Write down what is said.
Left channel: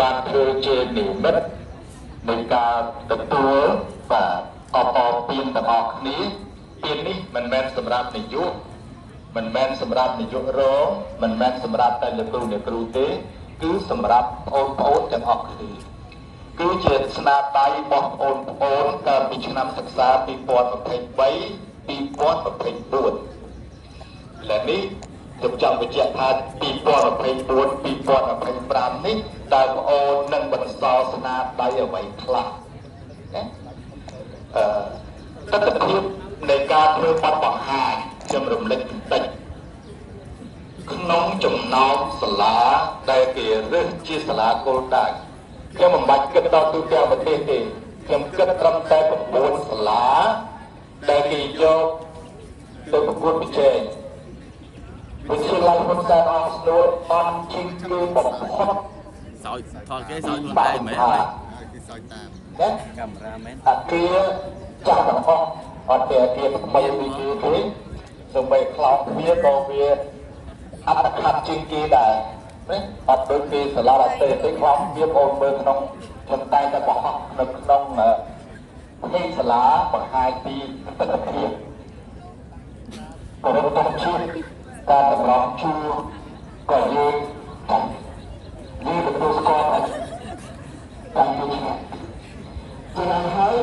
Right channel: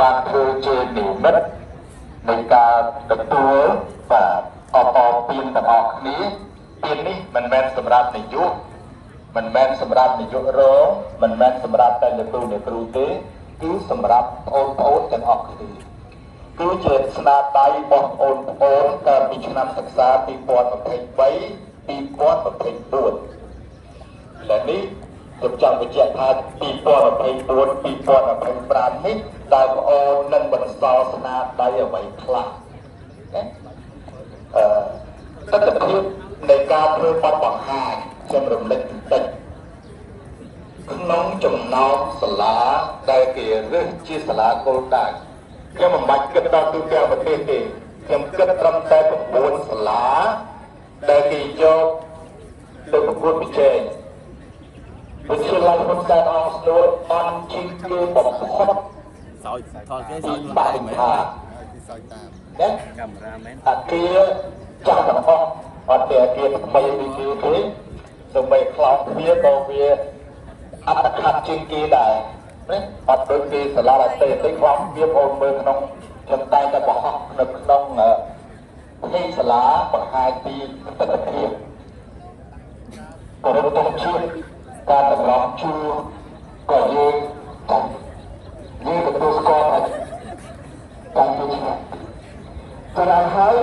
បានធ្វើជានិមិត្តនៃការទទួលបាទអបអរពានទាំងអស់គ្នាពាននេះមិនមែនសម្រាប់នាយកមិនមែនសម្រាប់នាយករងមិនមែនសម្រាប់តែលោកគ្រូអ្នកគ្រូទេគឺសម្រាប់បងប្អូនទាំងអស់គ្នាគឺជាស្នាដៃរបស់បងប្អូនកាលពីឆ្នាំសិក្សា2023 2024ឥឡូវនេះខ្ញុំចង់បញ្ជាក់ថា2024 2025នេះតើបងប្អូននឹងបន្សល់ស្នាដៃអ្វីខ្លះណាទស្សនវិជ្ជានៃការធ្វើបទបង្ហាញខ្ញុំរំលឹកបន្តិចក្នុងចំណោមសាលាដែលគេរើសជាសាលាគោលដៅខ្ញុំមិនបាច់គិតដល់ទូទាំងប្រទេសទេខ្ញុំគិតត្រឹមតែ9សាលាដែលគេយកទៅប្រកួតប្រជែងវិទ្យាល័យហ៊ុនសែនអស់ស្នួលអន់ជាងគេបំផុតសោយថតគេសោយខ្លួនឯងមែនគេសោយតាមណាកាមេរ៉ាមែនអាគារចាស់ទាំងអស់អត់តែអាគារថ្មីវិទ្យាទេសូម្បីខ្លោងវាក៏វាអត្តខត្តជាងគេដែរណាអត់ដូចគេសាលាតែខ្លោងវាបងមើលក្នុងខ្ញុំតែតែបោះនៅក្នុងផ្ទៃសាលាបង្ហាញពីទស្សនវិជ្ជាក៏រត់ទៅជាការតម្រង់ជួរក៏យើងទទួលស្គាល់ថាការជួយស្រាយហើយ